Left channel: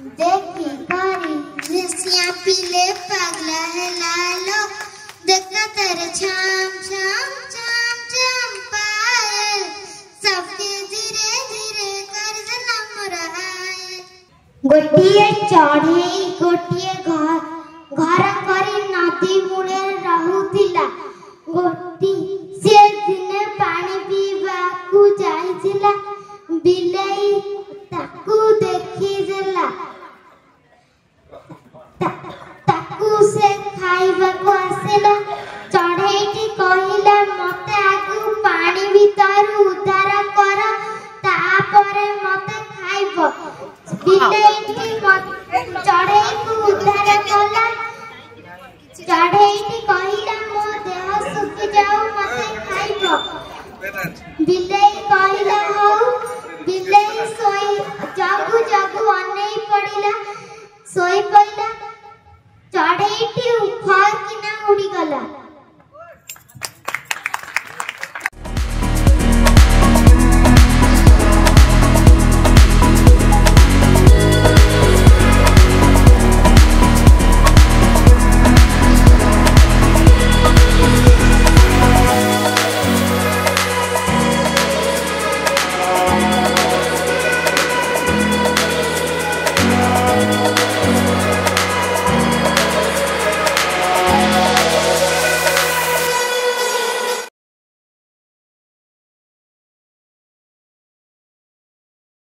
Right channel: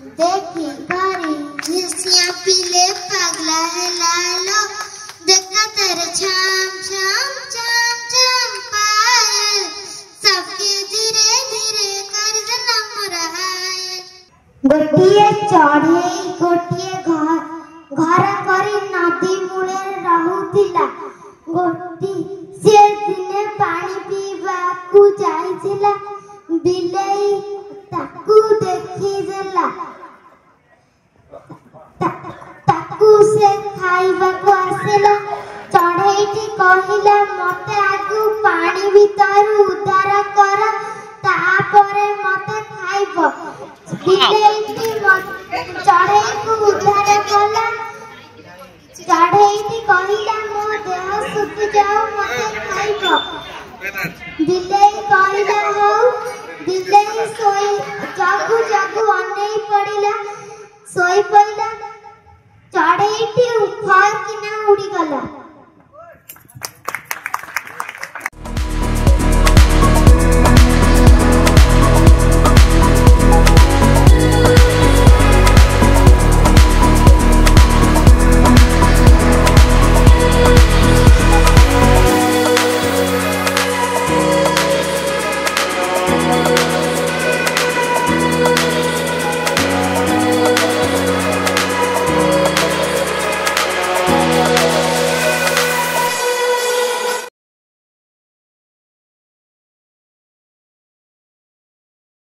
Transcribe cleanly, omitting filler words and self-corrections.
देखी करी ऋषिया पीले पगला है लालो देखा तेरे छाम छाम छाम छाम पाए सबके धीरे धीरे कर जन्म रहा है गोटिए चढ़े गोटिए घर करी नदी मुड़े रहुथिला गोटी से दिने पानी पीवा को जाइथिला बिलेई